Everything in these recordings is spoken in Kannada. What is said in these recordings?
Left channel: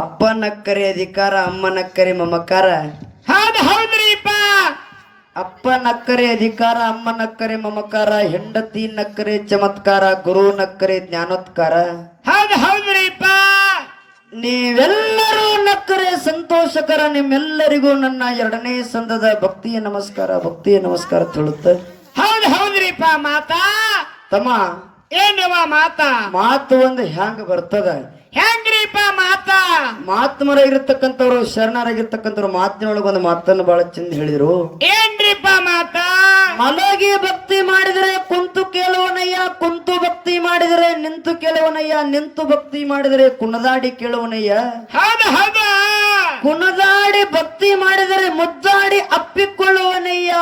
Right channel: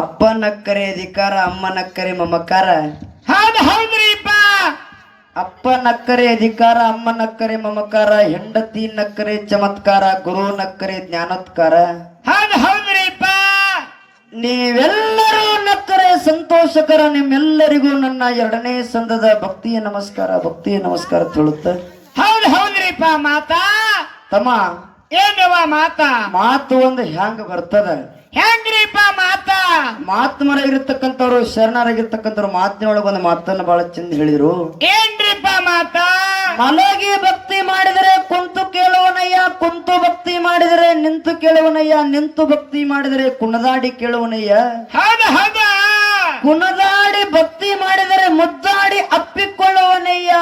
ಅಪ್ಪ ನಕ್ಕರೆ ಅಧಿಕಾರ, ಅಮ್ಮ ನಕ್ಕರೆ ಮಮಕಾರ. ಹೌದ್ರಿಪ್ಪ. ಅಪ್ಪ ನಕ್ಕರೆ ಅಧಿಕಾರ, ಅಮ್ಮ ನಕ್ಕರೆ ಮಮಕಾರ, ಹೆಂಡತಿ ನಕ್ಕರೆ ಚಮತ್ಕಾರ, ಗುರು ನಕ್ಕರೆ ಜ್ಞಾನೋತ್ಕಾರ. ಹೌದ್ರಿಪ್ಪ. ನೀವೆಲ್ಲರೂ ನಕ್ಕರೆ ಸಂತೋಷಕರ. ನಿಮ್ಮೆಲ್ಲರಿಗೂ ನನ್ನ 2ನೇ ಸಂದದ ಭಕ್ತಿಯ ನಮಸ್ಕಾರ, ಭಕ್ತಿಯ ನಮಸ್ಕಾರ ತಿಳುತ್ತೆ. ಹೌದ್ರಿಪ್ಪ. ಮಾತಾ ತಮ್ಮ ಏನವ ಮಾತಾ? ಮಾತು ಒಂದು ಹ್ಯಾಂಗ ಬರ್ತದ? ಹೆಂಗ್ರಿಪ್ಪ ಮಾತಾ? ಮಾತ್ಮರಾಗಿರ್ತಕ್ಕಂಥವ್ರು, ಶರಣರಾಗಿರ್ತಕ್ಕಂಥವ್ರು ಮಾತಿನೊಳಗೆ ಒಂದು ಮಾತನ್ನು ಬಹಳ ಚಂದ ಹೇಳಿರು. ಏನ್ರಿಪ್ಪ ಮಾತಾ? ಮಲಗಿ ಭಕ್ತಿ ಮಾಡಿದರೆ ಕುಂತು ಕೇಳುವನಯ್ಯ, ಕುಂತು ಭಕ್ತಿ ಮಾಡಿದರೆ ನಿಂತು ಕೇಳುವನಯ್ಯ, ನಿಂತು ಭಕ್ತಿ ಮಾಡಿದರೆ ಕುಣದಾಡಿ ಕೇಳುವನಯ್ಯ. ಹೌದು. ಕುಣದಾಡಿ ಭಕ್ತಿ ಮಾಡಿದರೆ ಮುದ್ದಾಡಿ ಅಪ್ಪಿಕೊಳ್ಳುವನಯ್ಯ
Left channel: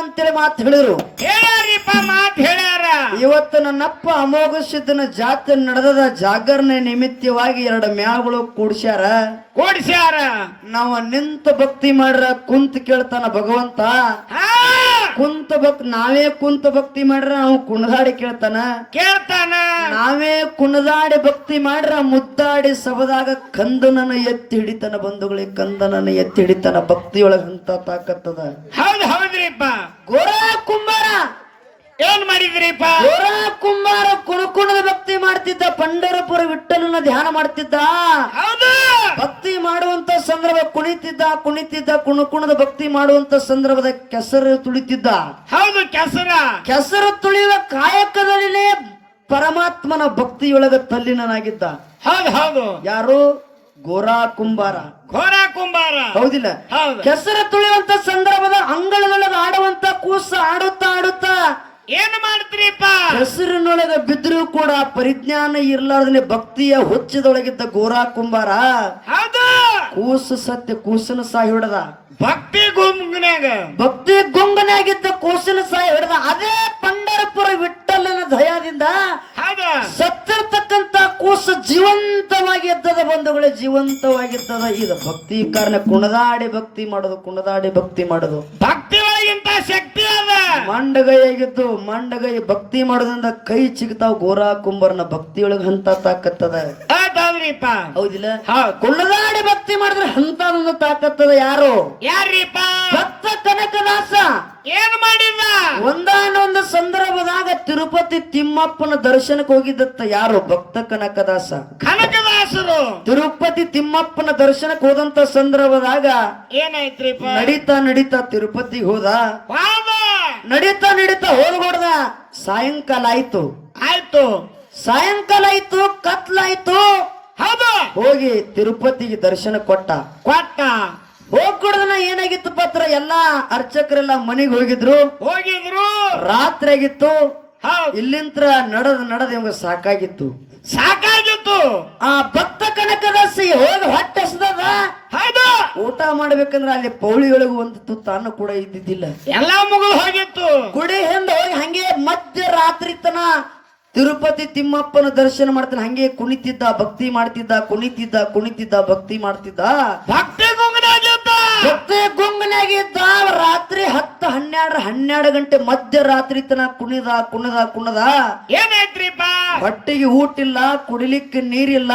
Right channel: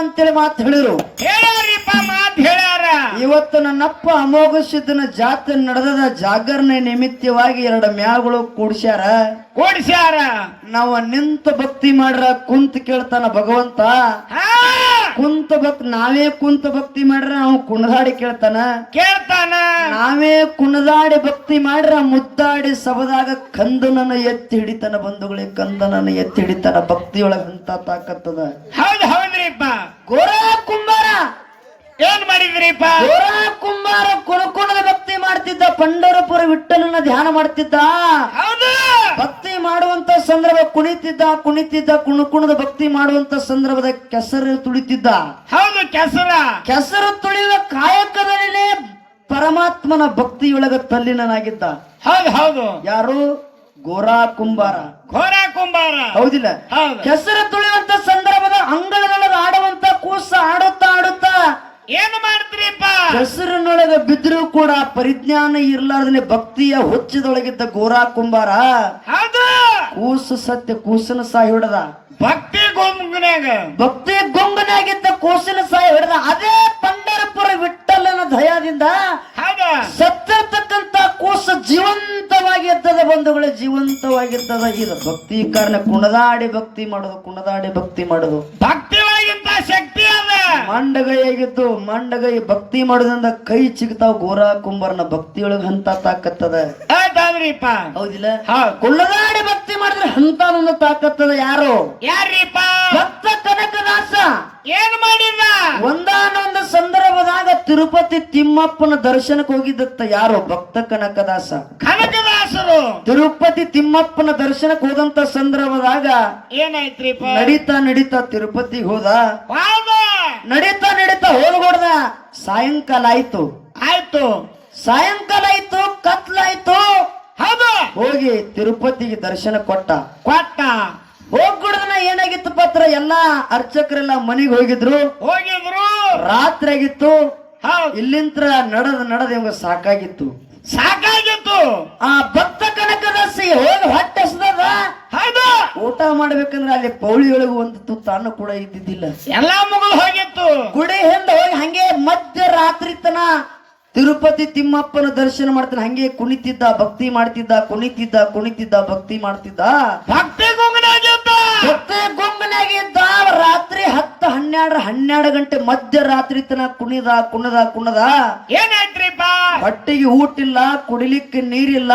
ಅಂತೇಳಿ ಮಾತು ಹೇಳಿರು. ಹೇಳ್ಯಾರಿಪ್ಪ, ಮಾತು ಹೇಳ್ಯಾರ. ಇವತ್ತು ನನ್ನಪ್ಪ ಅಮೋಘ ಸಿದ್ಧನ ಜಾತ್ರೆ ನಡೆದ ಜಾಗರಣೆ ನಿಮಿತ್ತವಾಗಿ 2 ಮ್ಯಾಗಳು ಕೂಡ್ಸ್ಯಾರ. ನಾವು ನಿಂತ ಭಕ್ತಿ ಮಾಡ್ರ ಕುಂತ ಕೇಳ್ತಾನ ಭಗವಂತ. ಕುಂತ ಭಕ್ತಿ ನಾವೇ ಕುಂತ ಭಕ್ತಿ ಮಾಡ್ರ ನಾವು ಕುಣದಾಡಿ ಕೇಳ್ತಾನ. ನಾವೇ ಕುಣದಾಡಿ ಭಕ್ತಿ ಮಾಡ್ರ ಮುದ್ದಾಡಿ ಸಬದಾಗ ಕಂದನನ್ನ ಎತ್ತಿ ಹಿಡಿತಾನ. ಬಂಧುಗಳಿಗೆ ಕಂದನನ್ನ ಎತ್ತಿ ಹಿಡಿತಾನ. ಭಕ್ತಿಯೊಳಗ ಅಂತ ತಾಕತ್ತದ. ಹೌದ್ರಿಪ್ಪ. ಗೋರ ಕುಂಬಾರ ಏನ್ ಮಾಡಿದ್ರಿಪ್ಪ? ಗೋರ ಕುಂಬಾರ ಕುಣಕುಣದ ಭಕ್ತಿ ಮಾಡ್ತಿದ್ದ. ಪಂಡರಪುರ ವಿಠಲನ ಧ್ಯಾನ ಮಾಡ್ತಿದ್ದ. ಭಕ್ತಿ ಮಾಡುವಂತ ಸಂದರ್ಭ ಕುಣಿತಿದ್ದ ಕುಣಕುಣದ ಭಕ್ತಿ ಮಾಡುವಂತ ಸಂದರ್ಭದ ಕೆಸರು ತುಳಿತಿದ್ದ. ಕೆಸರು ತುಳಿಯುವ ಕಾಯಕದಲ್ಲಿ ಪರಮಾತ್ಮನ ಭಕ್ತಿಯೊಳಗ ತಲ್ಲಿನಾಗಿದ್ದ. ಯಾರು? ಗೋರಾ ಕುಂಬಾರ. ಹೌದಿಲ್ಲ? ಕೆಸರು ತುಳಿಯುವಂತ ಸಂದರ್ಭದ ಅಂಗಳದೊಳಗ ಆಡುವಂತ ಕೂಸ ಆಡುತ್ತಾ ಏನ್ ಮಾಡ್ತೀರಿಪ್ಪ? ಹೆಸರಿನೊಳಗ ಬಿದ್ದರೂ ಕೂಡ ಪರಿಜ್ಞಾನ ಇರ್ಲಾರ್ದನೆ ಭಕ್ತಿಯ ಹುಚ್ಚದೊಳಗಿದ್ದ ಗೋರಾ ಕುಂಬಾರ ಕೂಸು ಸತ್ಯ ಕೂಸನ ಸಾಯಿ ಹಿಡದ. ಭಕ್ತಿ ಗುಂಗನಾಗಿದ್ದ ಕೂಸಿನ ಸಾಯಿ ಹಿಡದ. ಅದೇ ಪಂಡರಪುರ ವಿಠಲನ ದಯಾದಿಂದ ಸತ್ತಿರ್ತಕ್ಕಂತ ಕೂಸು ಜೀವಂತವಾಗಿ ಇರ್ತದ. ಬಂಧುಗಳೇ, ಜೀವಂತವಾಗಿರ್ತದ. ಇದು ಭಕ್ತಿ ಕಾರಣ. ಕುಣದಾಡಿ ಭಕ್ತಿ ಮಾಡೋದು ಭಕ್ತಿ ಒಳಗಿಂತ ಶಕ್ತಿ ಅದ. ಮಂಡಗೈಯಾಗಿದ್ದು ಮಂಡಗೈ ಭಕ್ತಿ ಮಾಡೋದ್ರಿಂದ ಕೈ ಚಿಗ್ತಾವ್. ಗೋರಾ ಕುಂಬಾರನ ಭಕ್ತಿಯೊಳಗ ಹಂತ ತಾಕತ್ತದ. ಹೌದಿಲ್ಲ? ಕುಣದಾಡಿ ಭಕ್ತಿ ಮಾಡಿದ್ರೆ ಹಂತ ಒಂದು ತಾಕತ್ತದ. ಯಾರಿಪ್ಪ? ಭಕ್ತ ಕನಕದಾಸ. ಏನ್ ಮಾಡಿದ? ಒಂದಾನೊಂದು ಸಂದರ್ಭದಾಗ ತಿರುಪತಿ ತಿಮ್ಮಪ್ಪನ ದರ್ಶನಕ್ಕೆ ಹೋಗಿದ್ದತ್ತ. ಯಾರು? ಭಕ್ತ ಕನಕದಾಸ. ತಿರುಪತಿ ತಿಮ್ಮಪ್ಪನ ದರ್ಶನಕ್ಕೆ ಹೋದಂತ ಸಂದರ್ಭದಾಗ ಏನಾಯ್ತ್ರಿಪ್ಪ? ನಡೀತಾ ತಿರುಪತಿಗೆ ಹೋದ. ನಡೀತಾ ಹೋಗ್ಬಿಡ್ದ. ಸಾಯಂಕಾಲ ಆಯ್ತು. ಕತ್ಲಾಯ್ತು. ಹೋಗಿ ತಿರುಪತಿಗೆ ದರ್ಶನ ಕೊಟ್ಟ. ಹೋಗ್ಕೊಡ್ದನ ಏನಾಗಿತ್ತು ಪತ್ರ? ಎಲ್ಲಾ ಅರ್ಚಕರೆಲ್ಲ ಮನೆಗೆ ಹೋಗಿದ್ರು. ರಾತ್ರಿ ಆಗಿತ್ತು. ಇಲ್ಲಿಂತ್ರ ನಡೆದ ಇವಾಗ ಸಾಕಾಗಿತ್ತು. ಆ ಭಕ್ತ ಕನಕದಾಸಿ ಹೋಗಿ ಹೊಟ್ಟೆ ಹಸ್ದದ. ಊಟ ಮಾಡ್ಬೇಕಂದ್ರೆ ಅಲ್ಲಿ ಪೌಳಿಯೊಳಗೆ ಒಂದು ತುತ್ತು ಅನ್ನ ಕೂಡ ಇದ್ದಿದ್ದಿಲ್ಲ. ಎಲ್ಲಾ ಮಗು ಹೋಗಿತ್ತು. ಗುಡಿ ಹಿಂದ ಹೋಗಿ ಹಂಗೆ ಮಧ್ಯರಾತ್ರಿ ತನ ತಿರುಪತಿ ತಿಮ್ಮಪ್ಪನ ದರ್ಶನ ಮಾಡ್ತಾನೆ. ಹಂಗೆ ಕುಣಿತಿದ್ದ, ಭಕ್ತಿ ಮಾಡ್ತಿದ್ದ, ಭಕ್ತಿ ಮಾಡ್ತಿದ್ದ. ಭಕ್ತಿ ಗುಂಗನಾಗಿದ್ದ. ರಾತ್ರಿ 10-12 ಗಂಟೆ ಮಧ್ಯರಾತ್ರಿ ತನ ಕುಣದ. ಏನಾಯ್ತ್ರಿಪ್ಪ? ಹೊಟ್ಟಿಗೆ ಊಟಿಲ್ಲ, ಕುಡಿಲಿಕ್ಕೆ ನೀರಿಲ್ಲ,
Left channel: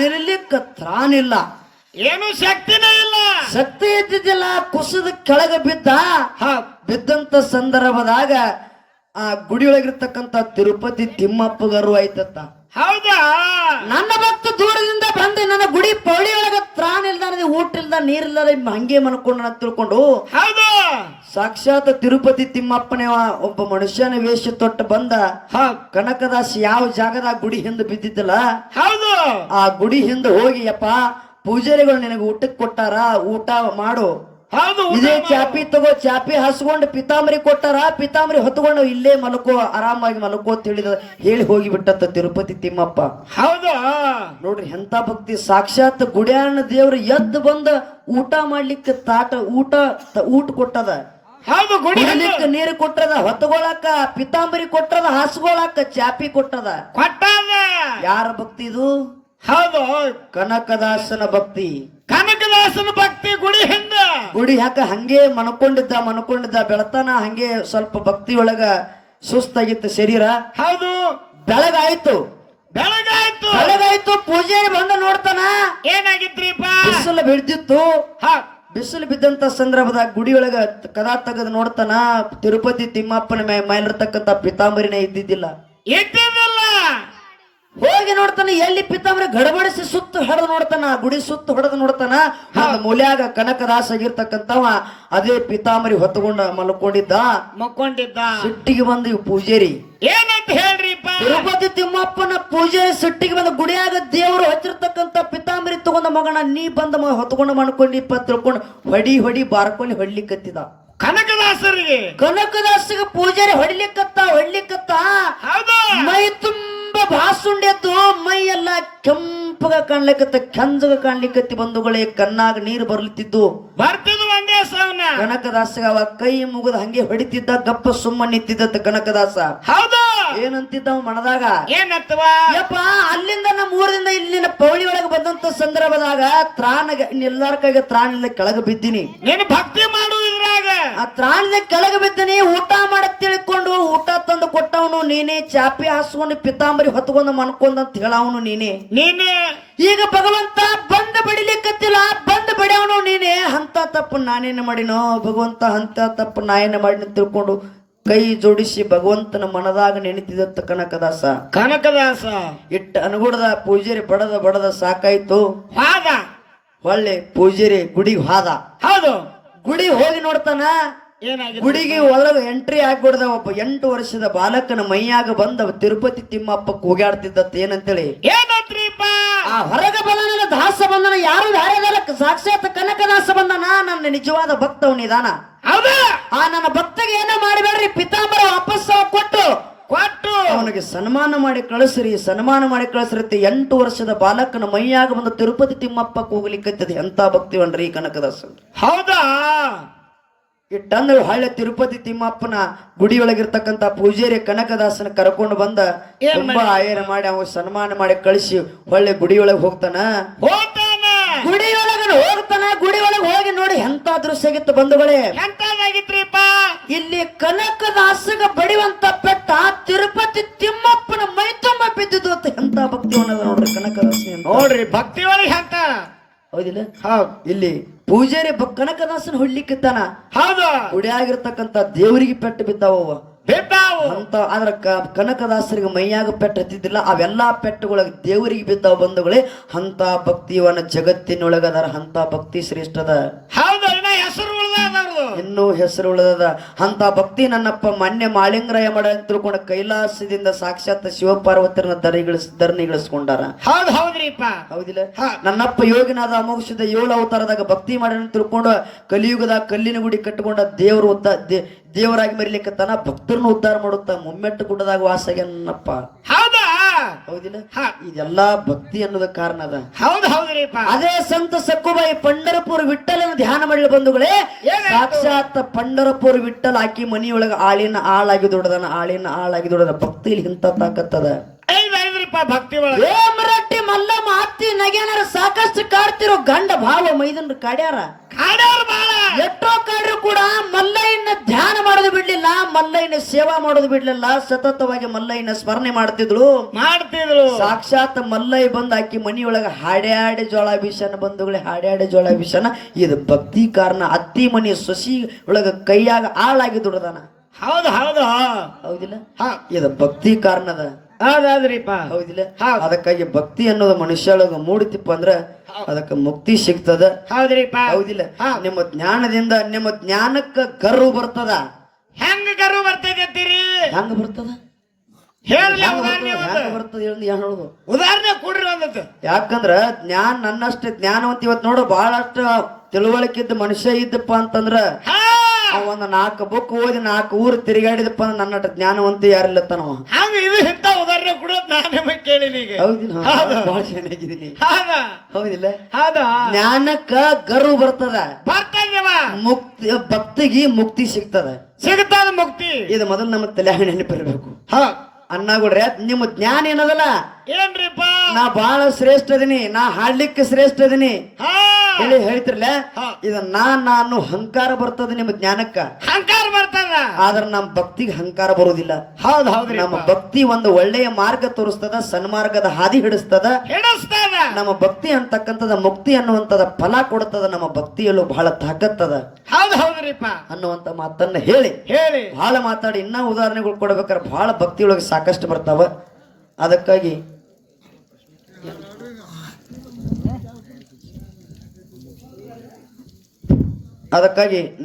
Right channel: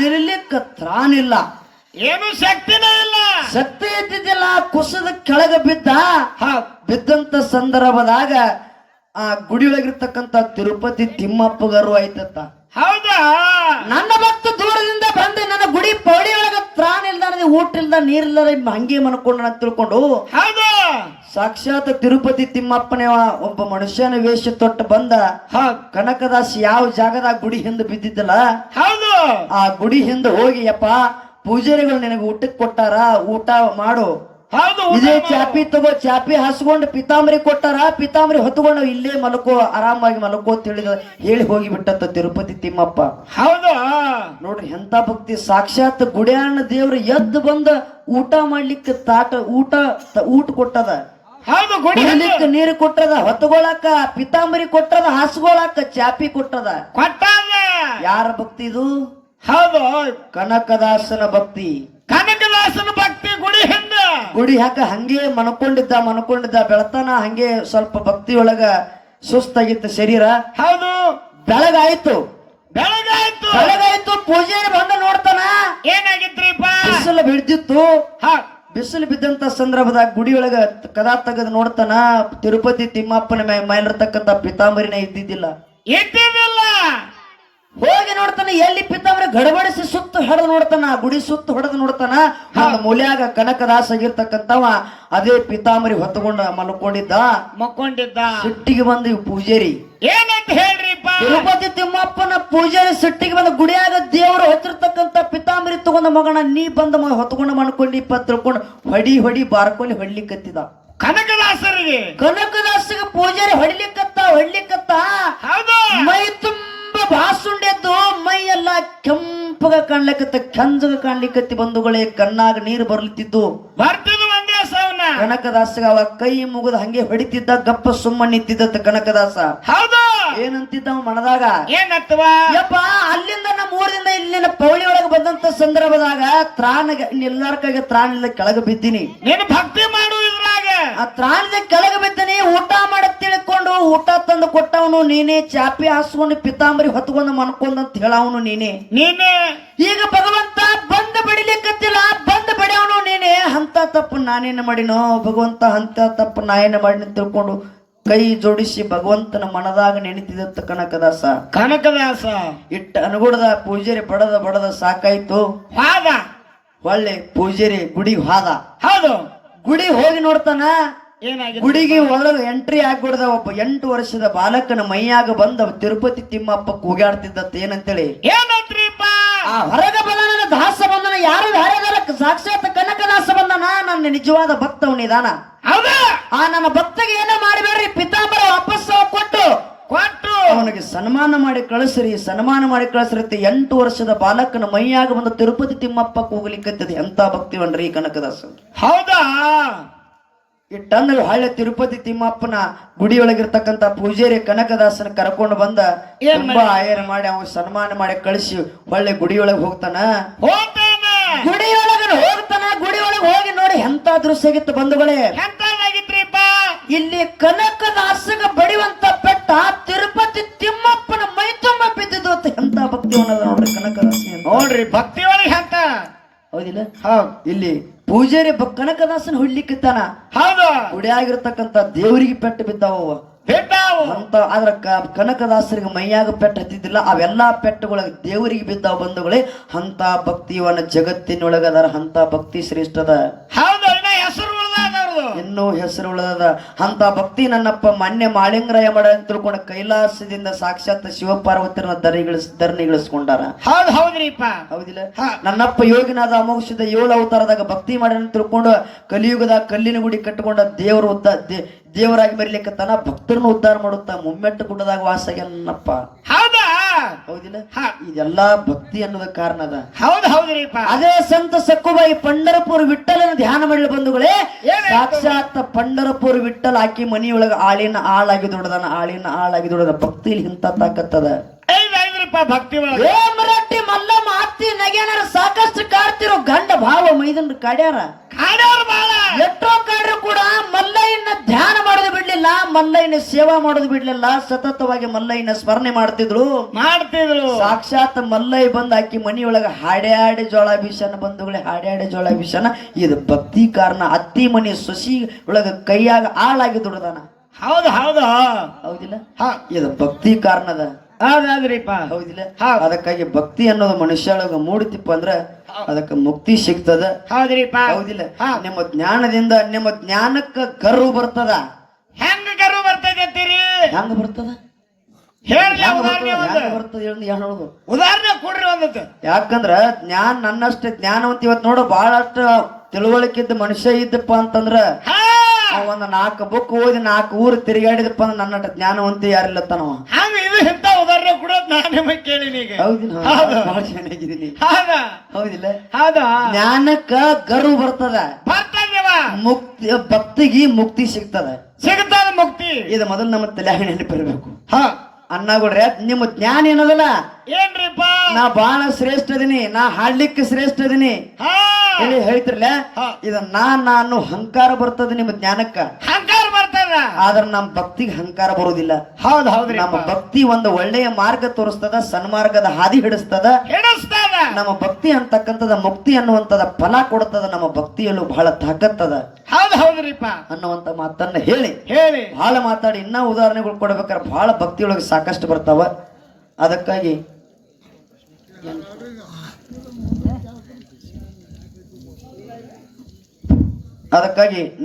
ನಿಲ್ಲಲಿಕ್ಕೆ ತ್ರಾಣಿಲ್ಲ, ಏನು ಶಕ್ತಿನೇ ಇಲ್ಲ. ಶಕ್ತಿ ಇದ್ದಿದ್ದಿಲ್ಲ. ಕುಸದ ಕೆಳಗ ಬಿದ್ದಂತ ಸಂದರ್ಭದಾಗ ಆ ಗುಡಿಯೊಳಗಿರ್ತಕ್ಕಂತ ತಿರುಪತಿ ತಿಮ್ಮಪ್ಪಗರು ಆಯ್ತತ್ತ. ಹೌದಾ? ನನ್ನ ಭಕ್ತ ದೂರದಿಂದ ಬಂದು ನನ್ನ ಗುಡಿ ಪೌಳಿಯೊಳಗ ತ್ರಾಣ ಇಲ್ದ, ಊಟ ಇಲ್ದ, ನೀರಿಲ್ಲ, ಹಂಗೆ ಮನ್ಕೊಂಡು ತಿಳ್ಕೊಂಡು ಸಾಕ್ಷಾತ್ ತಿರುಪತಿ ತಿಮ್ಮಪ್ಪನೇ ಒಬ್ಬ ಮನುಷ್ಯನ ವೇಷ ತೊಟ್ಟು ಬಂದ. ಕನಕದಾಸ್ ಯಾವ ಜಾಗದಾಗ ಗುಡಿ ಹಿಂದೆ ಬಿದ್ದಿದ್ದಲ್ಲ, ಆ ಗುಡಿ ಹಿಂದೆ ಹೋಗಿ, ಯಪ್ಪ ಪೂಜಾರಿಗಳು ನಿನಗೆ ಊಟಕ್ಕೆ ಕೊಟ್ಟಾರ, ಊಟ ಮಾಡು. ಇದೇ ಚಾಪಿ ತಗೋ, ಚಾಪಿ ಹಸ್ಕೊಂಡು ಪಿತಾಂಬರಿ ಕೊಟ್ಟಾರ, ಪಿತಾಂಬರಿ ಹೊತ್ಕೊಂಡು ಇಲ್ಲೇ ಆರಾಮಾಗಿ ಮಲಕೋ ತಿಳಿದ ಹೇಳಿ ಹೋಗಿ ಬಿಟ್ಟಂತ ತಿರುಪತಿ ತಿಮ್ಮಪ್ಪ. ನೋಡ್ರಿ ಎಂತ ಭಕ್ತಿ. ಸಾಕ್ಷಾತ್ ಗುಡಿಯಾಣ ದೇವ್ರ ಎದ್ದು ಬಂದ ಊಟ ಮಾಡ್ಲಿಕ್ಕೆ ಊಟ ಕೊಟ್ಟದ, ನೀರು ಕೊಟ್ಟದ, ಹೊತ್ಕೊಳಕ ಪಿತಾಂಬರಿ ಕೊಟ್ಟದ, ಹಸ್ಕೊಳಕ ಚಾಪಿ ಕೊಟ್ಟದ. ಯಾರ ಭಕ್ತಿ ಇದು? ಹೌದು, ಕನಕದಾಸನ ಭಕ್ತಿ. ಕನಕದಾಸನ ಭಕ್ತಿ ಗುಡಿ ಹಂಗೆ ಮನ್ಕೊಂಡಿದ್ದ ಬೆಳತಾನ. ಹಂಗೆ ಸ್ವಲ್ಪ ಭಕ್ತಿಯೊಳಗ ಸುಸ್ತಾಗಿತ್ತು ಶರೀರ. ಹೌದು, ಬೆಳಗಾಯ್ತು. ಬೆಳಗಾಯ್ತು. ಪೂಜಾರಿ ಬಿಸಿಲು ಬಿದ್ದಂತ ಸಂದರ್ಭದಾಗ ಗುಡಿಯೊಳಗ ಕದಾ ತೆಗೆದು ನೋಡ್ತಾನ ತಿರುಪತಿ ತಿಮ್ಮಪ್ಪನ ಮೇಲಿರ್ತಕ್ಕಂಥ ಪಿತಾಂಬರಿನೇ ಇದ್ದಿದ್ದಿಲ್ಲ. ಇದ್ದಿದ್ದಿಲ್ಲ. ಹೋಗಿ ನೋಡ್ತಾನ ಎಲ್ಲಿ ಪಿತಾಂಬರಿ ಗಡಬಡಿಸಿ ಸುತ್ತ ಹೊಡೆದು ನೋಡ್ತಾನ, ಗುಡಿ ಸುತ್ತ ಹೊಡೆದು ನೋಡ್ತಾನ. ಒಂದು ಮೂಲ್ಯಾಗ ಕನಕದಾಸ ಆಗಿರ್ತಕ್ಕಂಥವ ಅದೇ ಪಿತಾಂಬರಿ ಹೊತ್ತುಕೊಂಡ ಮಕ್ಕೊಂಡಿದ್ದ. ಸಿಟ್ಟಿಗೆ ಬಂದ ಇವ್ ಪೂಜಾರಿ ಏನಂತ ಹೇಳ್ರಿಪ್ಪ? ತಿರುಪತಿ ತಿಮ್ಮಪ್ಪನ ಪೂಜಾರಿ ಸಿಟ್ಟಿಗೆ ಬಂದ ಗುಡಿಯಾಗ ದೇವರು ಹೊತ್ತಿರ್ತಕ್ಕಂಥ ಪಿತಾಂಬರಿ ತಗೊಂಡ ಮಗನ ನೀ ಬಂದ ಹೊತ್ಕೊಂಡ ಮಾಡ್ಕೊಂಡಿಪ್ಪ ತಿಳ್ಕೊಂಡು ಹೊಡಿ ಬಾರ್ಕೊಂಡು ಹೊಡ್ಲಿಕ್ಕತ್ತಿದ. ಕನಕದಾಸರಿಗೆ ಪೂಜಾರಿ ಹೊಡ್ಲಿಕ್ಕತ್ತ ಮೈ ತುಂಬಾ ಬಾಸುಂಡೆದ್ದು ಮೈ ಎಲ್ಲ ಕೆಂಪಗ ಕಾಣ್ಲಿಕ್ಕತ್ತ, ಕೆಂಜಗ ಕಾಣ್ಲಿಕ್ಕತ್ತಿ. ಬಂಧುಗಳೇ, ಕಣ್ಣಾಗ ನೀರು ಬರ್ಲಿತ್ತಿದ್ದು. ಕನಕದಾಸಗ ಅವ ಕೈ ಮುಗಿದ ಹಂಗೆ ಹೊಡಿತಿದ್ದ, ಗಪ್ಪ ಸುಮ್ಮ ನಿಂತಿದ್ದ ಕನಕದಾಸ. ಏನಂತಿದ್ದ ಮನದಾಗ? ಯಪ್ಪ, ಅಲ್ಲಿಂದ ನಮ್ಮ ಊರಿಂದ ಇಲ್ಲಿನ ಪೌಳಿ ಒಳಗೆ ಬಂದಂತ ಸಂದರ್ಭದಾಗ ಎಲ್ಲಾರ್ಕಾಗ ತ್ರಾಣ ಕೆಳಗೆ ಬಿದ್ದೀನಿ. ಭಕ್ತಿ ಮಾಡುವುದ್ರಾಗ ಆ ತ್ರಾಣದ ಕೆಳಗೆ ಬಿದ್ದೀನಿ. ಊಟ ಮಾಡಕ್ ತಿಳ್ಕೊಂಡು ಊಟ ತಂದು ಕೊಟ್ಟವನು ನೀನೇ, ಚಾಪಿ ಹಾಸ್ಕೊಂಡು ಪಿತಾಂಬರಿ ಹೊತ್ಕೊಂಡು ಮನ್ಕೊಂಡಂತ ಹೇಳವನು ನೀನೇ. ಈಗ ಭಗವಂತ ಬಂದು ಬಡಿಲಿಕ್ಕತ್ತಿಲ್ಲ, ಬಂದು ಬೆಳೆಯವನು ನೀನೇ. ಅಂತ ತಪ್ಪು ನಾನೇನು ಮಾಡಿನೋ ಭಗವಂತ, ಅಂತ ತಪ್ಪು ನಾಯೇನ ಮಾಡಿ ತಿಳ್ಕೊಂಡು ಕೈ ಜೋಡಿಸಿ ಭಗವಂತನ ಮನದಾಗ ನೆನೆತಿದ್ದ ಕನಕದಾಸ. ಇಟ್ಟ ಅನುಗುಣದ ಪೂಜಾರಿ ಬಡದ ಸಾಕಾಯ್ತು. ಒಳ್ಳೆ ಪೂಜಾರಿ ಗುಡಿಗೆ ಹಾದ. ಗುಡಿ ಹೋಗಿ ನೋಡ್ತಾನ. ಗುಡಿಗೆ ಒಳಗೆ ಎಂಟ್ರಿ ಆಗ್ಬಿಡ್ದ ಒಬ್ಬ 8 ವರ್ಷದ ಬಾಲಕನ ಮೈಯಾಗ ಬಂದ ತಿರುಪತಿ ತಿಮ್ಮಪ್ಪ ಕೂಗಾಡ್ತಿದ್ದ. ಏನಂತೇಳಿ? ಆ ಹೊರಗ ಬಂದನ ದಾಸ ಬಂದನ. ಯಾರು ಸಾಕ್ಷಾತ್ ಕನಕದಾಸ ಬಂದನ. ನನ್ನ ನಿಜವಾದ ಭಕ್ತವನಿದಾನ. ಆ ನನ್ನ ಭಕ್ತಗೆ ಏನೋ ಮಾಡಬೇಡ್ರಿ, ಪಿತಾಂಬರ ವಾಪಸ್ ಕೊಟ್ಟು ಅವನಿಗೆ ಸನ್ಮಾನ ಮಾಡಿ ಕಳಿಸ್ರಿ. 8 ವರ್ಷದ ಬಾಲಕನ ಮೈಯಾಗ ಬಂದು ತಿರುಪತಿ ತಿಮ್ಮಪ್ಪ ಕೂಗಲಿಕ್ಕತ್ತದೆ. ಎಂತ ಭಕ್ತಿವನ್ರಿ ಕನಕದಾಸ. ಹೌದಾ? ಇಟ್ಟಂದ್ರೆ ಹಳ್ಳಿ ತಿರುಪತಿ ತಿಮ್ಮಪ್ಪನ ಗುಡಿಯೊಳಗಿರ್ತಕ್ಕಂಥ ಪೂಜಾರಿ ಕನಕದಾಸನ ಕರ್ಕೊಂಡು ಬಂದ ತುಂಬಾ ಆಯರ್ ಮಾಡಿ ಅವ ಸನ್ಮಾನ ಮಾಡಿ ಕಳಿಸಿ ಹೊಳ್ಳೆ ಗುಡಿಯೊಳಗೆ ಹೋಗ್ತಾನ. ಗುಡಿಯೊಳಗೆ ಹೋಗಿ ನೋಡಿ ಎಂತ ದೃಶ್ಯ ಆಗಿತ್ತು ಬಂಧುಗಳೇ. ಇಲ್ಲಿ ಕನಕದಾಸಗ ಬಡಿಯುವಂತ ಪೆಟ್ಟ ತಿರುಪತಿ ತಿಮ್ಮಪ್ಪನ ಮೈ ತುಂಬ ಬಿದ್ದಿದ್ದು. ಎಂತ ಭಕ್ತಿ ನೋಡ್ರಿ ಕನಕದಾಸ. ನೋಡ್ರಿ ಭಕ್ತಿ ಅಂತ ಹೌದಿಲ್ಲ? ಇಲ್ಲಿ ಪೂಜಾರಿ ಕನಕದಾಸನ ಹೊಡ್ಲಿಕ್ಕಿತ್ತಾನ. ಗುಡಿಯಾಗಿರ್ತಕ್ಕಂಥ ದೇವರಿಗೆ ಪೆಟ್ಟು ಬಿದ್ದಾವ ಅಂತ. ಆದ್ರ ಕನಕದಾಸರಿಗೆ ಮೈಯಾಗ ಪೆಟ್ಟು ಹತ್ತಿದ್ದಿಲ್ಲ. ಅವೆಲ್ಲಾ ಪೆಟ್ಟುಗಳಿಗೆ ದೇವರಿಗೆ ಬಿದ್ದಾವ ಬಂಧುಗಳೇ. ಅಂತ ಭಕ್ತಿವನ್ನ ಜಗತ್ತಿನೊಳಗದಾರ. ಅಂತ ಭಕ್ತಿ ಶ್ರೇಷ್ಠದ, ಇನ್ನೂ ಹೆಸರು ಉಳದ ಅಂತ ಭಕ್ತಿ ನನ್ನಪ್ಪ ಮೊನ್ನೆ ಮಾಳಿಂಗರಾಯ ಮಾಡ ಅಂತ ತಿಳ್ಕೊಂಡ ಕೈಲಾಸದಿಂದ ಸಾಕ್ಷಾತ್ ಶಿವಪಾರ್ವತಿಯರನ್ನ ಧರಣಿಗಳಿಸ್ಕೊಂಡಾರ. ಹೌದಿಲ್ಲ? ನನ್ನಪ್ಪ ಯೋಗಿನಾದ ಅಮೋಕ್ಷದ 7 ಅವತಾರದಾಗ ಭಕ್ತಿ ಮಾಡಿ ತಿಳ್ಕೊಂಡು ಕಲಿಯುಗದ ಕಲ್ಲಿನ ಗುಡಿ ಕಟ್ಟಿಕೊಂಡ ದೇವರಾಗಿ ಮರಿಲಿಕ್ಕತ್ತಾನ. ಭಕ್ತರನ್ನು ಉದ್ಧಾರ ಮಾಡುತ್ತಾ ಮುಮ್ಮೆಟ್ಟು ಗುಡ್ಡದಾಗ ವಾಸಾಗ ನನ್ನಪ್ಪ. ಹೌದಿಲ್ಲ? ಇದೆಲ್ಲಾ ಭಕ್ತಿ ಅನ್ನೋದ ಕಾರಣ ಅದ. ಅದೇ ಸಂತ ಸಕ್ಕುಬಾಯಿ ಪಂಡರಪುರ ವಿಠಲನ ಧ್ಯಾನ ಮಾಡಲು ಬಂಧುಗಳೇ. ಸಾಕ್ಷಾತ್ ಪಂಡರಪುರ ವಿಠಲ ಆಕಿ ಮನಿಯೊಳಗ ಆಳಿನ ಆಳಾಗಿ ದೊಡ್ಡದ ಭಕ್ತಿಲಿ ಇಂತ ತಾಕತ್ತದ. ಮರಾಠಿ ಮಲ್ಲ ಮಾತಿ ನಗೇನರ ಸಾಕಷ್ಟು ಕಾಡ್ತಿರೋ ಗಂಡ ಭಾವ ಮೈದನ್ ಕಾಡ್ಯಾರ. ಎಷ್ಟೋ ಕಾಡ್ರು ಕೂಡ ಮಲ್ಲಯ್ಯನ ಧ್ಯಾನ ಮಾಡೋದು ಬಿಡ್ಲಿಲ್ಲ, ಮಲ್ಲಯ್ಯನ ಸೇವಾ ಮಾಡೋದು ಬಿಡ್ಲಿಲ್ಲ. ಸತತವಾಗಿ ಮಲ್ಲಯ್ಯನ ಸ್ಮರಣೆ ಮಾಡ್ತಿದ್ರು. ಸಾಕ್ಷಾತ್ ಮಲ್ಲಯ್ಯ ಬಂದ್ ಆಕಿ ಮನಿಯೊಳಗ ಹಾಡ್ಯಾಡಿ ಜೋಳ ಬೀಸನ ಬಂಧುಗಳೇ. ಹಾಡ್ಯಾಡಿ ಜೋಳ ಬೀಸನ ಇದು ಭಕ್ತಿ ಕಾರಣ. ಅತ್ತಿ ಮನಿ ಸೊಸಿ ಒಳಗ ಕೈಯಾಗ ಆಳಾಗಿ ದುಡ್ದಾನ. ಹೌದಿಲ್ಲ? ಇದು ಭಕ್ತಿ ಕಾರಣದ. ಹೌದಿಲ್ಲ? ಅದಕ್ಕಾಗಿ ಭಕ್ತಿ ಅನ್ನೋದು ಮನುಷ್ಯೊಳಗ ಮೂಡಿತಿಪ್ಪ ಅಂದ್ರ ಅದಕ್ಕೆ ಮುಕ್ತಿ ಸಿಗ್ತದ. ಹೌದಿಲ್ಲ? ನಿಮ್ಮ ಜ್ಞಾನದಿಂದ ನಿಮ್ಮ ಜ್ಞಾನಕ್ಕ ಗರ್ವ ಬರ್ತದ. ಹೆಂಗ ಗರ್ವ ಬರ್ತದ? ಹೆಂಗ ಬರ್ತದ? ಹೇಳೋದು ಉದಾಹರಣೆ ಕೊಡ್ರಿ ಒಂದತ್ತು. ಯಾಕಂದ್ರ ನನ್ನಷ್ಟು ಜ್ಞಾನವಂತ ಇವತ್ತು ನೋಡ ಬಹಳಷ್ಟು ತಿಳುವಳಿಕೆ ಇದ್ದ ಮನುಷ್ಯ ಇದ್ದಪ್ಪ ಅಂತಂದ್ರ ಒಂದ್ 4 ಬುಕ್ ಓದಿ 4 ಊರು ತಿರುಗಾಡಿದಪ್ಪ ಅಂದ್ರೆ ನನ್ನ ಜ್ಞಾನವಂತ ಯಾರಿಲ್ಲತ್ತಾನವ. ಉದಾಹರಣೆ ಕೊಡೋದು ನಾನು ಕೇಳಿನಿ. ಚೆನ್ನಾಗಿದ್ದೀನಿ. ಹೌದಿಲ್ಲ? ಜ್ಞಾನಕ್ಕ ಗರ್ವ ಬರ್ತದ. ಮುಕ್ತಿ ಭಕ್ತಿಗೆ ಮುಕ್ತಿ ಸಿಗ್ತದ. ಮುಕ್ತಿ ಇದು ಮೊದಲು ನಮ್ಮ ತಲೆಯಾಗ ನೆನಪಿರ್ಬೇಕು. ಅಣ್ಣಗುಡ್ರೆ ನಿಮ್ಮ ಜ್ಞಾನ ಏನದಲ್ಲ, ಏನ್ರಿಪ್ಪ? ನಾ ಬಹಳ ಶ್ರೇಷ್ಠ ಇದೀನಿ, ನಾ ಹಾಡ್ಲಿಕ್ಕೆ ಶ್ರೇಷ್ಠ ಇದೀನಿ ಹೇಳಿ ಹೇಳ್ತಿರ್ಲ. ಇದು ನಾನು ಅಹಂಕಾರ ಬರ್ತದೆ. ನಿಮ್ಮ ಜ್ಞಾನಕ್ಕ ಅಹಂಕಾರ ಬರ್ತದೆ. ಆದ್ರ ನಮ್ಮ ಭಕ್ತಿಗೆ ಅಹಂಕಾರ ಬರುವುದಿಲ್ಲ. ಹೌದ್ ಹೌದ್ರಿ ನಮ್ಮ ಭಕ್ತಿ ಒಂದು ಒಳ್ಳೆಯ ಮಾರ್ಗ ತೋರಿಸ್ತದ, ಸನ್ಮಾರ್ಗದ ಹಾದಿ ಹಿಡಿಸ್ತದ. ಹಿಡಿಸ್ತಾನ. ನಮ್ಮ ಭಕ್ತಿ ಅಂತಕ್ಕಂಥದ ಮುಕ್ತಿ ಅನ್ನುವಂಥದ ಫಲ ಕೊಡ್ತದ. ನಮ್ಮ ಭಕ್ತಿಯಲ್ಲೂ ಬಹಳ ತಾಕತ್ತದ ಹೌದ್ ಹೌದ್ರಿಪ್ಪ ಅನ್ನುವಂತ ಮಾತನ್ನ ಹೇಳಿ ಹೇಳಿ ಬಹಳ ಮಾತಾಡಿ ಇನ್ನ ಉದಾಹರಣೆಗಳು ಕೊಡ್ಬೇಕಾದ್ರೆ ಬಹಳ ಭಕ್ತಿಯೊಳಗೆ ಸಾಕಷ್ಟು ಬರ್ತಾವ. ಅದಕ್ಕಾಗಿ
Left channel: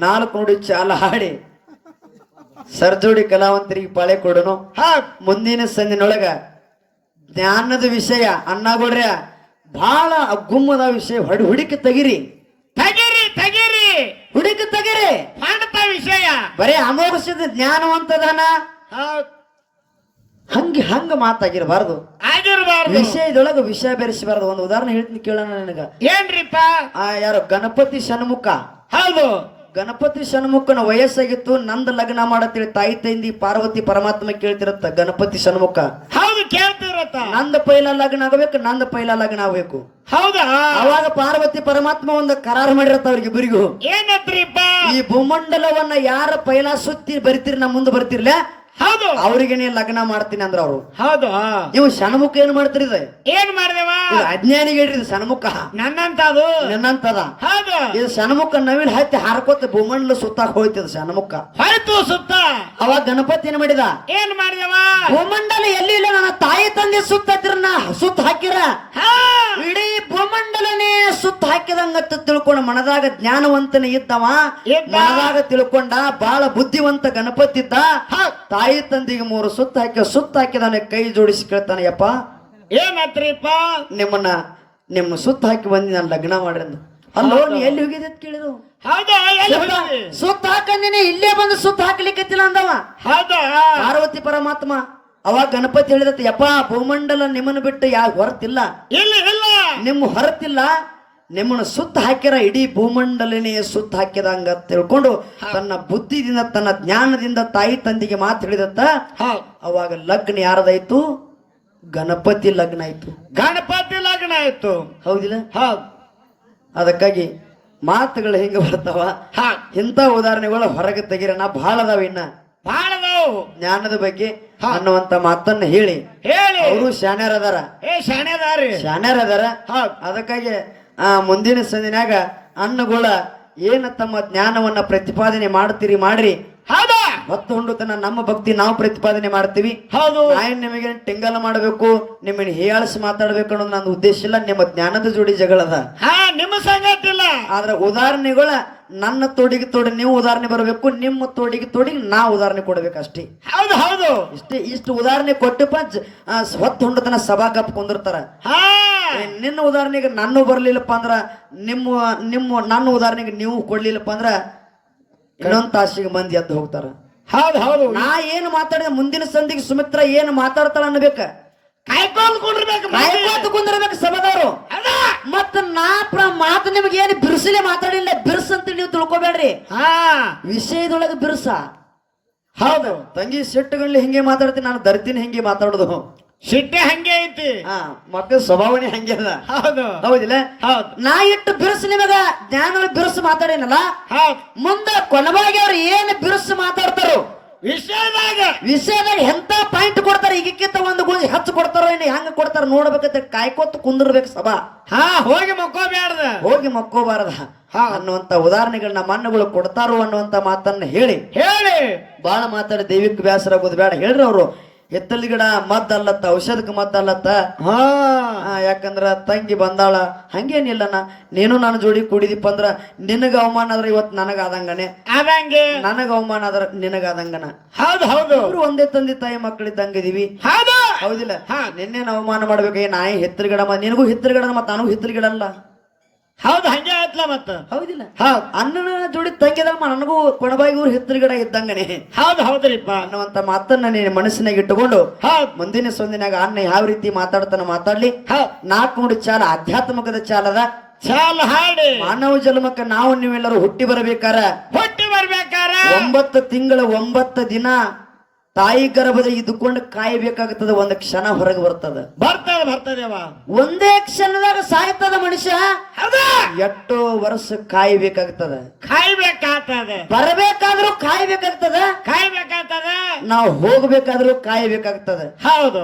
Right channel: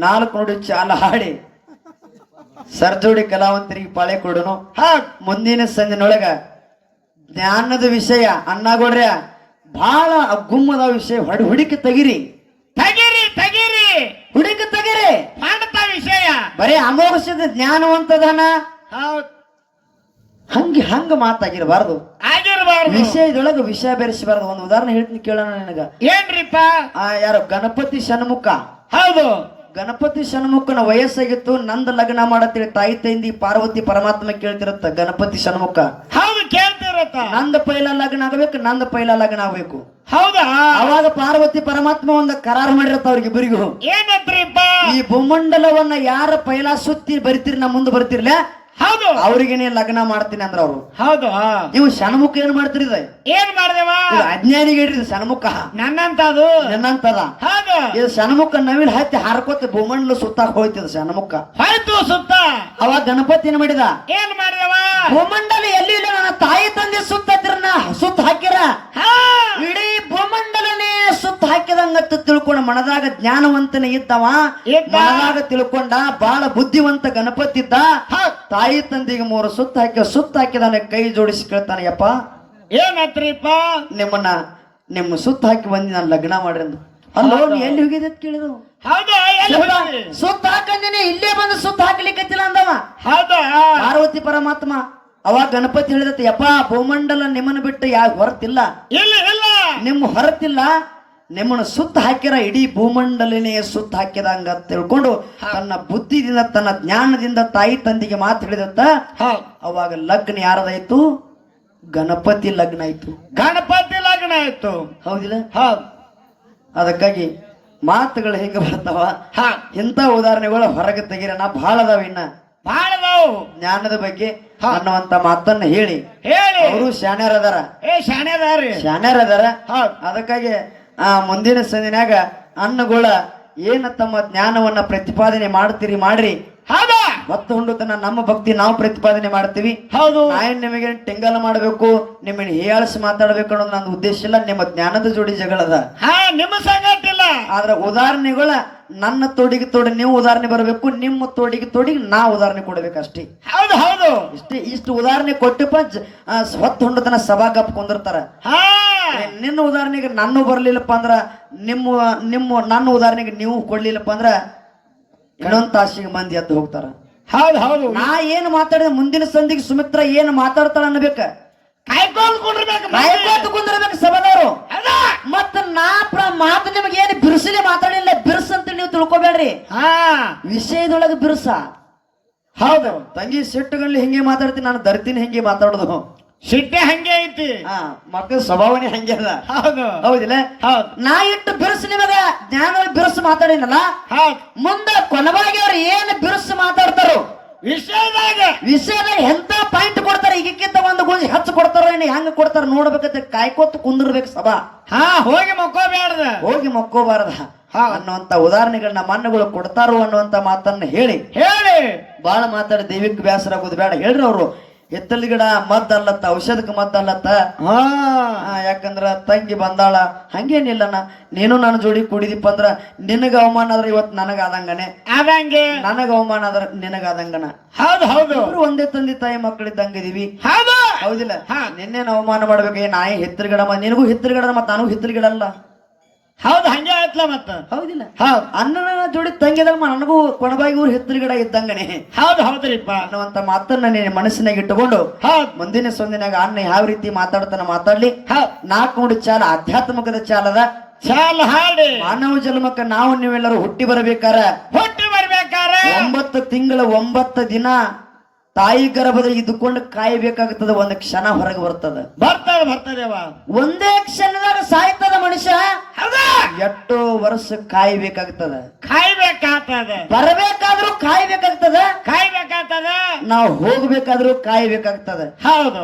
4 ನುಡಿ ಚಾಲ ಹಾಡಿ ಸರ್ಜೋಡಿ ಕಲಾವಂತರಿಗೆ ಪಾಳೆ ಕೊಡನು. ಮುಂದಿನ ಸಂದಿನೊಳಗ ಜ್ಞಾನದ ವಿಷಯ ಅಣ್ಣಗೌಡ್ರ ಬಹಳ ಗುಮ್ಮದ ವಿಷಯ ಹುಡುಕಿ ತೆಗಿರಿ ತಗಿರಿ ತಗಿರಿ ಹುಡುಕಿ ತೆಗಿರಿ ಮಾಡ್ತ ವಿಷಯ ಬರೀ ಅಮೋಘದ ಜ್ಞಾನವಂತದನ ಹಂಗ ಮಾತಾಗಿರಬಾರ್ದು. ಆಗಿರಬಾರ್ದು. ವಿಷಯದೊಳಗೆ ವಿಷಯ ಬೆರೆಸಬಾರ್ದು. ಒಂದು ಉದಾಹರಣೆ ಹೇಳ್ತೀನಿ ಕೇಳೋಣ ನಿನಗ. ಏನ್ರಿಪ್ಪ? ಯಾರು ಗಣಪತಿ ಷಣ್ಮುಖ. ಹೌದು. ಗಣಪತಿ ಷಣ್ಮುಖನ ವಯಸ್ಸಾಗಿತ್ತು. ನಂದ ಲಗ್ನ ಮಾಡತ್ತೇಳಿ ತಾಯಿ ತಂದಿ ಪಾರ್ವತಿ ಪರಮಾತ್ಮ ಕೇಳ್ತಿರತ್ತ. ಗಣಪತಿ ಷಣ್ಮುಖ ಹೌದು ಕೇಳ್ತಿರತ್ತ. ನಂದ ಪೈಲ ಲಗ್ನ ಆಗಬೇಕು, ನಂದ ಪೈಲ ಲಗ್ನ ಆಗ್ಬೇಕು. ಹೌದಾ? ಅವಾಗ ಪಾರ್ವತಿ ಪರಮಾತ್ಮ ಒಂದು ಕರಾರು ಮಾಡಿರತ್ತ ಅವ್ರಿಗಿಬ್ಬರಿಗೂ. ಏನತ್ರಿಪ್ಪ? ಈ ಭೂಮಂಡಲವನ್ನ ಯಾರ ಪೈಲ ಸುತ್ತಿ ಬರ್ತೀರಿ ನಾ ಮುಂದೆ ಬರ್ತಿರ್ಲ ಹೌದು ಅವ್ರಿಗೆ ನೀ ಲಗ್ನ ಮಾಡ್ತೀನಿ ಅಂದ್ರ ಅವ್ರು. ಹೌದು. ನೀವು ಷಣ್ಮುಖ ಏನ್ ಮಾಡ್ತೀರಿ? ಏನ್ ಮಾಡ್ದೇವ? ಅಜ್ಞಾನಿಗೆ ಹೇಳ್ರಿ ಷಣ್ಮುಖ ನನ್ನಂತದು ನನ್ನಂತದ. ಹೌದು. ಇದು ಷಣ್ಮುಖ ನವಿಲ್ ಹತ್ತಿ ಹಾರ್ಕೋತ ಭೂಮಂಡಲ ಸುತ್ತಾಕ್ ಹೋಯ್ತದ ಷಣ್ಮುಖ. ಆಯ್ತು ಸುತ್ತ. ಅವಾಗ ಗಣಪತಿ ಏನ್ ಮಾಡಿದ? ಏನ್ ಮಾಡ್ದೇವ? ಭೂಮಂಡಲ ಎಲ್ಲಿ ಇಲ್ಲ, ನನ್ನ ತಾಯಿ ತಂದೆ ಸುತ್ತಿರನ ಸುತ್ತ ಹಾಕಿರ ಇಡೀ ಭೂಮಂಡಲನೇ ಸುತ್ತ ಹಾಕಿದಂಗತ್ತ ತಿಳ್ಕೊಂಡ ಮನದಾಗ ಜ್ಞಾನವಂತನೇ ಇದ್ದವ. ಮನದಾಗ ತಿಳ್ಕೊಂಡ ಬಹಳ ಬುದ್ಧಿವಂತ ಗಣಪತಿ ಇದ್ದ. ತಾಯಿ ತಂದೆಗೆ 3 ಸುತ್ತ ಹಾಕಿದಾನೆ. ಕೈ ಜೋಡಿಸಿ ಕೇಳ್ತಾನೆ, ಯಪ್ಪ ಏನತ್ರಿಪ್ಪ? ನಿಮ್ಮ ಸುತ್ತ ಹಾಕಿ ಬಂದಿ ನಾನು ಲಗ್ನ ಮಾಡ್ರಿ ಅಂದ. ಅಲ್ಲೋ ನೀ ಎಲ್ಲಿ ಹೋಗಿದ್ದ ಕೇಳಿದ್ರು. ಹೌದಾ? ಸುತ್ತ ಹಾಕಂದಿನಿ, ಇಲ್ಲೇ ಬಂದು ಸುತ್ತ ಹಾಕ್ಲಿಕ್ಕತ್ತಿಲ್ಲ ಅಂದವ. ಹೌದಾ? ಪಾರ್ವತಿ ಪರಮಾತ್ಮ. ಅವಾಗ ಗಣಪತಿ ಹೇಳಿದತ್ತ, ಯಪ್ಪ ಭೂಮಂಡಲ ನಿಮ್ಮನ್ನು ಬಿಟ್ಟು ಯಾರು ಹೊರತಿಲ್ಲ, ಇಲ್ಲ ಇಲ್ಲ ನಿಮ್ಮ ಹೊರತಿಲ್ಲ, ನಿಮ್ಮನ್ನು ಸುತ್ತ ಹಾಕಿರ ಇಡೀ ಭೂಮಂಡಲನೇ ಸುತ್ತ ಹಾಕಿದಂಗ ತಿಳ್ಕೊಂಡು ತನ್ನ ಬುದ್ಧಿದಿಂದ ತನ್ನ ಜ್ಞಾನದಿಂದ ತಾಯಿ ತಂದೆಗೆ ಮಾತು ಹೇಳಿದತ್ತ. ಅವಾಗ ಲಗ್ನ ಯಾರದಾಯ್ತು? ಗಣಪತಿ ಲಗ್ನ ಆಯ್ತು. ಗಣಪತಿ ಲಗ್ನ ಆಯ್ತು. ಹೌದಿಲ್ಲ? ಅದಕ್ಕಾಗಿ ಮಾತುಗಳು ಹೆಂಗ ಬರ್ತಾವ, ಇಂಥ ಉದಾಹರಣೆಗಳು ಹೊರಗೆ ತೆಗಿರೋಣ ಬಹಳ ಅದಾವ. ಇನ್ನ ಬಹಳ ಅದಾವು ಜ್ಞಾನದ ಬಗ್ಗೆ ಅನ್ನುವಂತ ಮಾತನ್ನ ಹೇಳಿ ಅವರು ಶಾಣ್ಯರ ಅದಾರ. ಶಾಣ್ಯರ ಅದಾರ. ಅದಕ್ಕಾಗಿ ಮುಂದಿನ ಸಂದಿನಾಗ ಅನ್ನಗಳ ಏನ ತಮ್ಮ ಜ್ಞಾನವನ್ನ ಪ್ರತಿಪಾದನೆ ಮಾಡ್ತೀರಿ ಮಾಡ್ರಿ. ಭಕ್ತ ಹುಂಡುತನ ನಮ್ಮ ಭಕ್ತಿ ನಾವು ಪ್ರತಿಪಾದನೆ ಮಾಡ್ತೀವಿ. ಹೌದು. ನಿಮಗೆ ಟಿಂಗಲ್ ಮಾಡಬೇಕು, ನಿಮ್ಮನ್ನ ಹೀಯಾಳಿಸಿ ಮಾತಾಡ್ಬೇಕು ಅನ್ನೋದು ನನ್ನ ಉದ್ದೇಶ ಇಲ್ಲ. ನಿಮ್ಮ ಜ್ಞಾನದ ಜೋಡಿ ಜಗಳದ ನಿಮ್ಮ ಸಂಗತಿ ಇಲ್ಲ. ಆದ್ರ ಉದಾಹರಣೆಗಳ ನನ್ನ ತೋಡಿಗೆ ತೋಡಿ ನೀವು ಉದಾಹರಣೆ ಬರಬೇಕು, ನಿಮ್ಮ ತೋಡಿಗೆ ತೋಡಿ ನಾ ಉದಾಹರಣೆ ಕೊಡ್ಬೇಕು ಅಷ್ಟೇ. ಹೌದು ಹೌದು. ಇಷ್ಟು ಉದಾಹರಣೆ ಕೊಟ್ಟಪ್ಪ ಹೊತ್ತು ಹುಂಡತನ ಸಭಾ ಗಪ್ ಕುಂದಿರ್ತಾರ. ನಿನ್ನ ಉದಾಹರಣೆಗೆ ನಾನು ಬರ್ಲಿಲ್ಲಪ್ಪ ಅಂದ್ರ ನನ್ನ ಉದಾಹರಣೆಗೆ ನೀವು ಕೊಡ್ಲಿಲ್ಲಪ್ಪ ಅಂದ್ರ ಇನ್ನೊಂದ್ ತಾಸಿಗೆ ಮಂದಿ ಎದ್ದು ಹೋಗ್ತಾರ. ಹೌದು ಹೌದು. ನಾ ಏನು ಮಾತಾಡಿದ ಮುಂದಿನ ಸಂದಿಗೆ ಸುಮಿತ್ರ ಏನು ಮಾತಾಡ್ತಾಳ ಅನ್ಬೇಕ, ಕಾಯ್ಕೋತ್ ಕುಂದಿರ್ಬೇಕು ಸಭಾದವರು. ಮತ್ತ ಮಾತು ನಿಮ್ಗೆ ಏನು ಬಿರುಸಲೇ ಮಾತಾಡಿಲ್ಲ, ಬಿರುಸ ಅಂತ ನೀವು ತಿಳ್ಕೊಬೇಡ್ರಿ. ವಿಷಯದೊಳಗೆ ಬಿರುಸ. ಹೌದು. ತಂಗಿ ಸಿಟ್ಟುಗಳಲ್ಲಿ ಹಿಂಗೆ ಮಾತಾಡ್ತೀನಿ, ನಾನು ದರ್ತೀನಿ ಹಿಂಗೆ ಮಾತಾಡೋದು. ಸಿಟ್ಟೆ ಹಂಗೆ ಐತಿ. ಮಕ್ಕಳ ಸ್ವಭಾವನೆ ಹಂಗೆ ಅದ. ಹೌದು ಹೌದಿಲ್ಲ? ನಾ ಇಟ್ಟು ಬಿರುಸು ನಿಮಗ ಜ್ಞಾನ ಬಿರುಸು ಮಾತಾಡಿನಲ್ಲ, ಮುಂದ ಕೊನೆವಾಗಿ ಅವ್ರು ಏನು ಬಿರುಸು ಮಾತಾಡ್ತಾರೋ ವಿಷಯದಾಗ ಎಂತ ಪಾಯಿಂಟ್ ಕೊಡ್ತಾರೆ, ಈಗಿಕ್ಕಿಂತ ಒಂದು ಗೋಜಿ ಹೆಚ್ಚು ಕೊಡ್ತಾರೋ ಇನ್ನು ಹೆಂಗ ಕೊಡ್ತಾರ ನೋಡ್ಬೇಕಂತ ಕಾಯ್ಕೋತ ಕುಂದಿರ್ಬೇಕು ಸಭಾ. ಹೋಗಿ ಮಕ್ಕೋಬಾರ್ದ ಅನ್ನುವಂತ ಉದಾಹರಣೆಗಳನ್ನ ಮಣ್ಣುಗಳು ಕೊಡ್ತಾರೋ ಅನ್ನುವಂತ ಮಾತನ್ನ ಹೇಳಿ ಬಾಳ ಮಾತಾಡಿ ದೈವಿಕ ಬ್ಯಾಸರ ಆಗೋದು ಬೇಡ. ಹೇಳ್ರಿ ಅವರು ಎತ್ತಲ್ ಗಿಡ ಮದ್ದಲ್ಲತ್ತ, ಔಷಧಕ್ಕೆ ಮದ್ದಲ್ಲತ್ತ. ಯಾಕಂದ್ರ ತಂಗಿ ಬಂದಾಳ ಹಂಗೇನಿಲ್ಲನ, ನೀನು ನನ್ನ ಜೋಡಿ ಕೂಡಿದಿಪ್ಪ ಅಂದ್ರ ನಿನಗ ಅವಮಾನ ಆದ್ರ ಇವತ್ತು ನನಗಾದಂಗನೆ, ನನಗ ಅವಮಾನ ಆದ್ರ ನಿನಗಾದಂಗನ. ಹೌದು ಹೌದು. ಒಂದೇ ತಂದೆ ತಾಯಿ ಮಕ್ಕಳಿದ್ದಂಗಿದೀವಿ. ಹೌದಿಲ್ಲ? ನಿನ್ನೇನು ಅವಮಾನ ಮಾಡ್ಬೇಕು? ನಾಯಿ ಹಿತ್ತಲ ಗಿಡ, ನಿನಗೂ ಹಿತ್ತಲ ಗಿಡ ಮತ್ತ ನನಗೂ ಹಿತ್ತಲ ಗಿಡ ಅಲ್ಲ. ಹೌದು ಹಂಗೆ ಆಯ್ತಲ್ಲ ಮತ್ತ. ಹೌದಿಲ್ಲ? ಅಣ್ಣನ ಜೋಡಿ ತಂಗಿದ ನನಗೂ ಕೊಣಬಾಗಿ ಊರು ಹಿತ್ತಲ ಗಿಡ ಇದ್ದಂಗನೆ. ಹೌದು ಹೌದ್ರಿಪ್ಪ ಅನ್ನುವಂತ ಮಾತನ್ನ ನೀನು ಮನಸ್ಸಿನಾಗ ಇಟ್ಟುಕೊಂಡು ಮುಂದಿನ ಸಂದಿನಾಗ ಅಣ್ಣ ಯಾವ ರೀತಿ ಮಾತಾಡ್ತಾನ ಮಾತಾಡ್ಲಿ. 4 ನುಡಿ ಚಾಲ ಆಧ್ಯಾತ್ಮಿಕದ ಚಾಲದ ಚಾಲ ಹಾಡಿ. ಮಾನವ ಜನ್ಮಕ್ಕ ನಾವು ನೀವೆಲ್ಲರೂ ಹುಟ್ಟಿ ಬರ್ಬೇಕಾರ 9 ತಿಂಗಳ 9 ದಿನ ತಾಯಿ ಗರ್ಭದ ಇದ್ದುಕೊಂಡು ಕಾಯಬೇಕಾಗುತ್ತದೆ. ಒಂದು ಕ್ಷಣ ಹೊರಗೆ ಬರ್ತದೆ. ಬರ್ತದೆ ಒಂದೇ ಕ್ಷಣದಾಗ ಸಾಯ್ತದ ಮನುಷ್ಯ. ಎಷ್ಟು ವರ್ಷ ಕಾಯ್ಬೇಕಾಗ್ತದ, ಕಾಯ್ಬೇಕಾಗ್ತದೆ, ಬರಬೇಕಾದ್ರೂ ಕಾಯ್ಬೇಕಾಗ್ತದ, ಕಾಯ್ಬೇಕಾಗ್ತದೆ. ನಾವು ಹೋಗ್ಬೇಕಾದ್ರೂ ಕಾಯ್ಬೇಕಾಗ್ತದ. ಹೌದು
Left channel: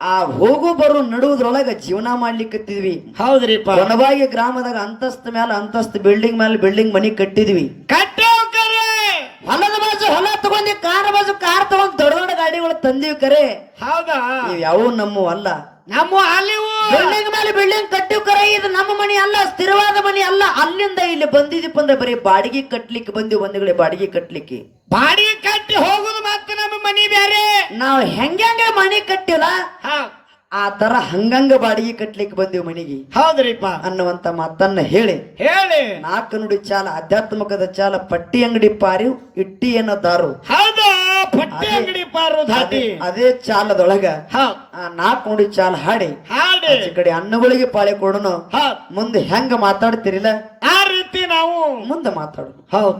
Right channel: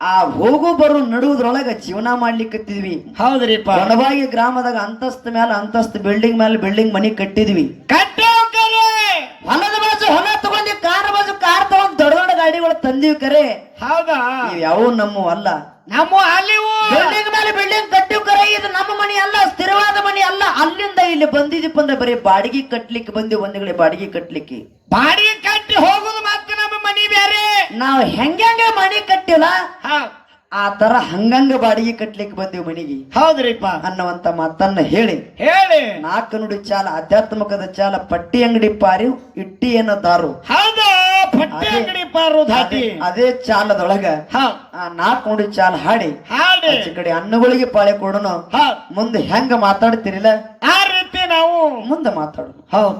ಆ ಹೋಗು ಬರೋ ನಡುವುದ್ರೊಳಗ ಜೀವನ ಮಾಡ್ಲಿಕ್ಕತ್ತಿದ್ವಿ. ಹೌದ್ರಿಪ್ಪ. ಒಣವಾಗಿ ಗ್ರಾಮದಾಗ ಅಂತಸ್ತ ಮೇಲೆ ಅಂತಸ್ತ, ಬಿಲ್ಡಿಂಗ್ ಮೇಲೆ ಬಿಲ್ಡಿಂಗ್ ಮನಿ ಕಟ್ಟಿದ್ವಿ. ಕಟ್ಟಿ ಹೋಗ್ರಿ. ಹೊಲದ ಬಾಜು ಹೊಲ ತಗೊಂಡಿ, ಕಾರ್ ಬಾಜು ಕಾರ್ ತಗೊಂಡ್ ದೊಡ್ಡ ದೊಡ್ಡ ಗಾಡಿಗಳು ತಂದಿವಿ. ಕರೆ ಹೌದಾ? ಯಾವ ನಮ್ಮ ಅಲ್ಲ. ನಮ್ಮ ಅಲ್ಲಿವು ಬಿಲ್ಡಿಂಗ್ ಮೇಲೆ ಬಿಲ್ಡಿಂಗ್ ಕಟ್ಟಿವ್. ಕರೆ ಇದು ನಮ್ಮ ಮನಿ ಅಲ್ಲ, ಸ್ಥಿರವಾದ ಮನಿ ಅಲ್ಲ. ಅಲ್ಲಿಂದ ಇಲ್ಲಿ ಬಂದಿದ್ದೀಪ ಅಂದ್ರೆ ಬರೀ ಬಾಡಿಗೆ ಕಟ್ಲಿಕ್ಕೆ ಬಂದಿವಿ. ಬಂದಿಗಳೇ ಬಾಡಿಗೆ ಕಟ್ಲಿಕ್ಕೆ, ಬಾಡಿಗೆ ಕಟ್ಟಿ ಹೋಗುದು ಮತ್ತೆ ನಮ್ಮ ಮನಿ ಬೇರೆ. ನಾವ್ ಹೆಂಗೆ ಮನಿ ಕಟ್ಟಿಲ್ಲ ಆ ತರ ಹಂಗಂಗ ಬಾಡಿಗೆ ಕಟ್ಲಿಕ್ಕೆ ಬಂದಿವಿ ಮನಿಗೆ. ಹೌದ್ರಿಪ್ಪ ಅನ್ನುವಂತ ಮಾತನ್ನ ಹೇಳಿ ಹೇಳಿ ನಾಲ್ಕು ನುಡಿ ಚಾಲ, ಆಧ್ಯಾತ್ಮಕದ ಚಾಲ, ಪಟ್ಟಿ ಅಂಗಡಿ ಪಾರಿ ಇಟ್ಟಿ ಏನೋ ದಾರು. ಹೌದಾ? ಪಟ್ಟಿ ಅಂಗಡಿ ಪಾರು ಧಾಟಿ. ಅದೇ ಚಾಲದೊಳಗ ಆ ನಾಲ್ಕು ನುಡಿ ಚಾಲ ಹಾಡಿ ಹಾಡಿ ಈ ಕಡೆ ಅನ್ನಗಳಿಗೆ ಪಾಳೆ ಕೊಡೋನು. ಮುಂದೆ ಹೆಂಗ ಮಾತಾಡ್ತಿರಿಲ್ಲ ಆ ರೀತಿ ನಾವು ಮುಂದೆ ಮಾತಾಡೋಣ. ಹೌದು